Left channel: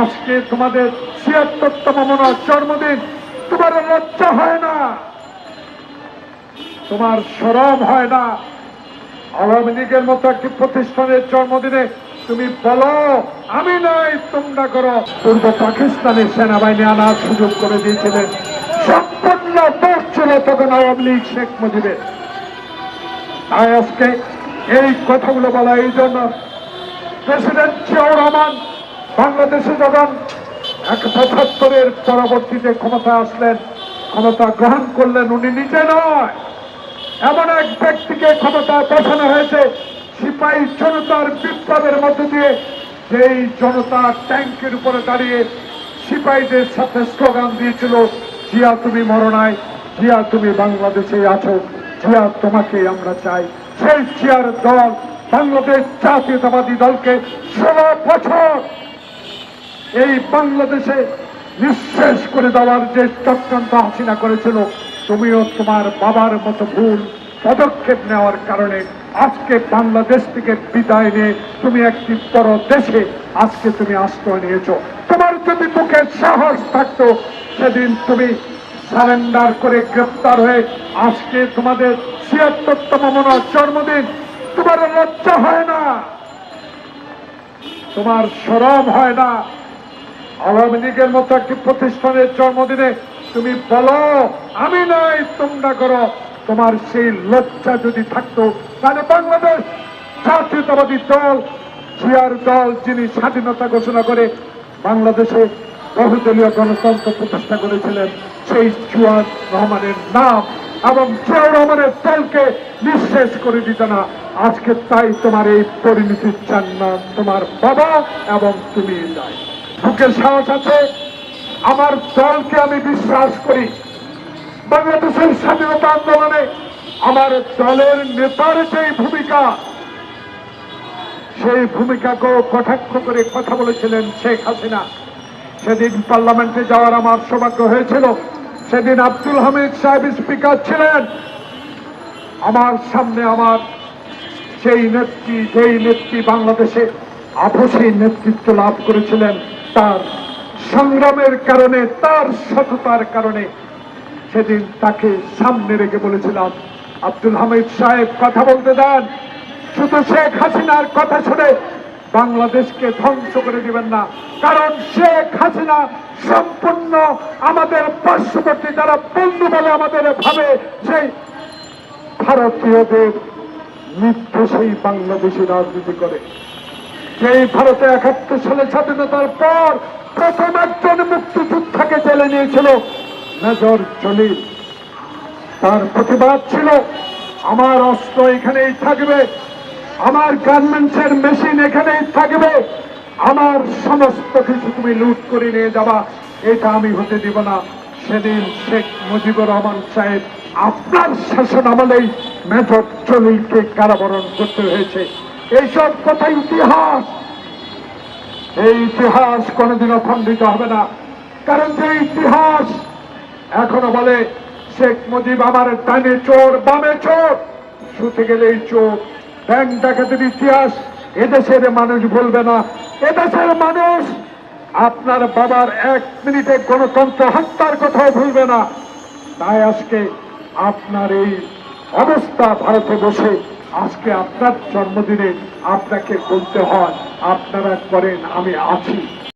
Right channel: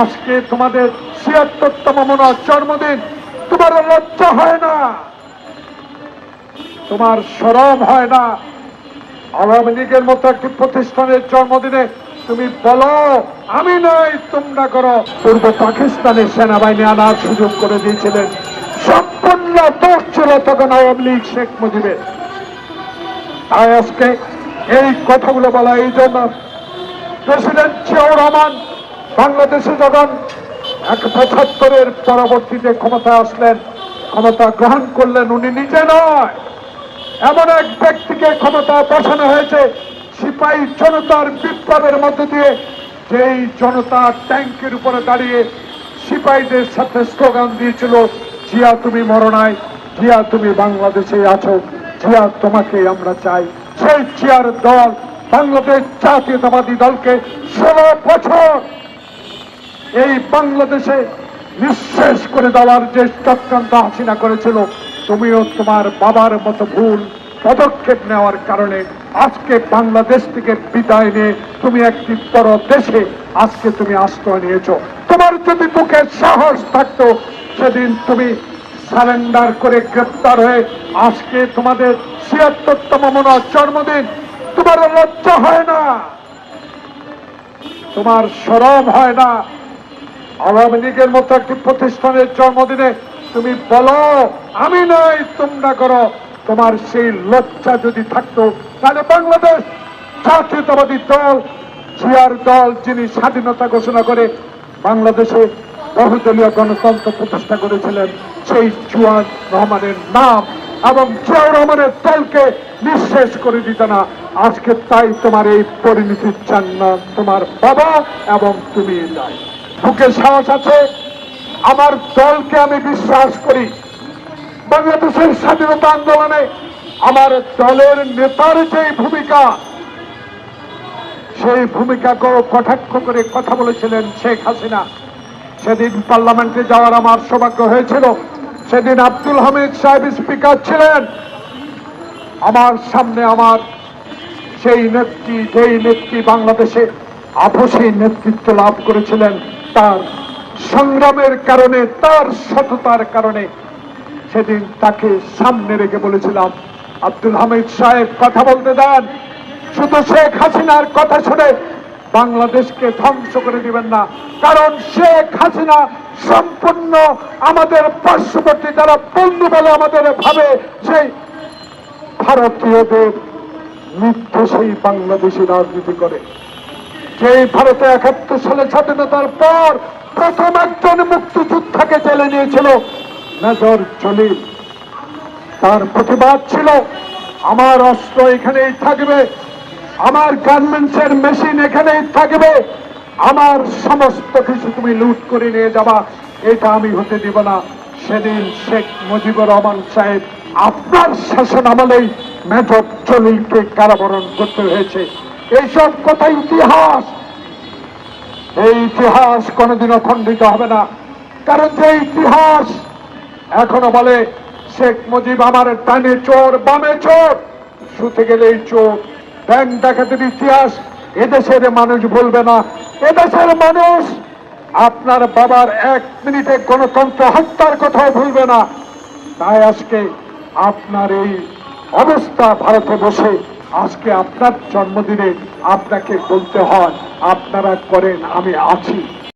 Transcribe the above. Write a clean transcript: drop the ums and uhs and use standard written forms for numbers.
আজকে তোমাদের ৭৬তম জন্মদিন, তোমার লজ্জা হয় না? তোমার শরম হয় না? আওয়ামী লীগের মতো একটি প্রতিষ্ঠানের জন্মদিনে তুমি বলো আমি নাই তোমরা করো। পূর্ব পাকিস্তানের সেনাবাহিনী আনার সুযোগ করে দিয়েছিলেন, সম্পূর্ণ দোষ ছিল তখন আওয়ামী লীগ শেখ মুজিবের। তাই আজকে এই কথাগুলো বলা এই জন্য, প্রেসিডেন্ট জিয়াউর রহমান বাংলাদেশে যখন ৭৫-এর পরবর্তীতে ক্ষমতা আসলেন, ক্ষমতা গ্রহণ করলেন, উনি নিজে নয়, এমন এক ব্যক্তিকে ক্ষমতায় বসানো হয়েছে সিপাহী জনতার বিপ্লবের মধ্য দিয়ে। যেই জনতা ট্যাঙ্কের উপরে দাঁড়িয়ে সিপাহীদের সাথে স্লোগান দিয়েছিল, জিয়া তুমি মরো নাই, জিয়া তুমি বাংলাদেশে আছো, জিয়া তোমাকে আমরা চাই। সেই জিয়ার দল বাংলাদেশ জাতীয়তাবাদী দলকে ১৬ বছর এই বাংলাদেশে নিঃশেষ করে দেওয়ার যে চক্রান্ত হাসিনা করেছিল, তুমিও তোমার বাবার মতো ভুল পদক্ষেপ নেওয়ার কারণে আজকে বাংলাদেশ থেকে বিদায় নিয়ে তুমি একটি বড় দেশে আজকে তুমি আশ্রয় নিয়েছ। তোমার যদি বুকে সাহস থাকতো, সেদিন তুমি সারেন্ডার করে গ্রেপ্তার হয়ে আজকে তোমাদের ৭৬তম জন্মদিন, তোমার লজ্জা হয় না? তোমার শরম হয় না? আওয়ামী লীগের মতো একটি প্রতিষ্ঠানের জন্মদিনে তুমি বলো আমি নাই তোমরা করো। তোমার সেই লজ্জা যদি থাকতো, তাহলে বাংলাদেশ জাতীয়তাবাদী দল, জিয়ার দল, যিনি স্বাধীনতা ঘোষণা করে বাংলাদেশে বহুদলীয় গণতন্ত্র প্রতিষ্ঠা করেছিলেন, সেই জিয়াউর রহমানের নাম এবং জিয়াউর রহমানের দলকে নিঃশেষ করে দিত না। আজকে তাই তোমার এই পরিণতি চান না তোমার বাবা এবং তুমি নাই। বুকে সাহস আছে, আমার দলকে আমি বিশ্বাস করি। বাংলাদেশের স্বাধীনতা আন্দোলনে আমার দলের নেতার যে ভূমিকা, সেই ভূমিকাকে কটাক্ষ করে কথা বলেছিলেন শেখ হাসিনা। সেদিন পার্লামেন্টে যাওয়ার আমার সৌভাগ্য হয়েছিল। সেদিন আব্দুল হামিদ সাহেব স্পিকার ছিলেন। আমার সামনে আমার সেই নেত্রী, যেই নেত্রী বাংলাদেশে আপসী নেতৃত্ব লাভ করেছিলেন, তার সংগ্রামের কারণে, তার সততার কারণে সেদিন তাকে সামনে রেখে বলেছিলাম, আব্দুল হামিদ সাহেব কথা বলতে দেন, শুধু শেখ হাসিনার কথা শুনে বাংলাদেশকে ধ্বংস করে দিবেন না। কারণ শেখ হাসিনা সম্পূর্ণ আমাদের পার্শ্ববর্তী যারা বন্ধু বলে আমাদের ভাবে, সেই ভারতীয়দের নির্দেশেই বাংলাদেশি রাজনীতি করে। যেই ভারতে ৭১ সালে স্বাধীনতার পর প্রথম একজন মুক্তিযোদ্ধাকে জেলে নিয়েছিল মেজর জলিল। তার প্রতিবাদ ছিল আমার অস্ত্র এখানেই থাকবে, আমার গার্মেন্টসের মেশিন এখানেই থাকবে, আমার সমস্ত কিছু তুমি লুট করে নিয়ে যাবা, এটা আমি হতে দিব না। সেদিন শেখ মুজিবুর রহমান সাহেব আপনার শাসন আমলেই মেজর জলিলকে কারাবরণ করতে হয়েছে। এইসব কথা ইতিহাস, এই ইতিহাস কোনোদিনও খণ্ডিত হবে না। কারণ যে ইতিহাস এখনো বলে শেখ মুজিব আমার ডানে চোর বামে চোর, শুতে গেলেই চোর, ব্যাংক ডাকাতের ইতিহাস এদেশের মানুষ ভুলবে না। এদেশের মানুষ আপনার বাবার ১ মিনিটে গণতন্ত্র হত্যার কথাও ভুলবে না। তাই আজকে আপনার এই অবস্থা, ভারতে বসে আজকে আপনার জন্মদিনে আপনাকে বলতে হয় আপনারা করেন, আমি আছি।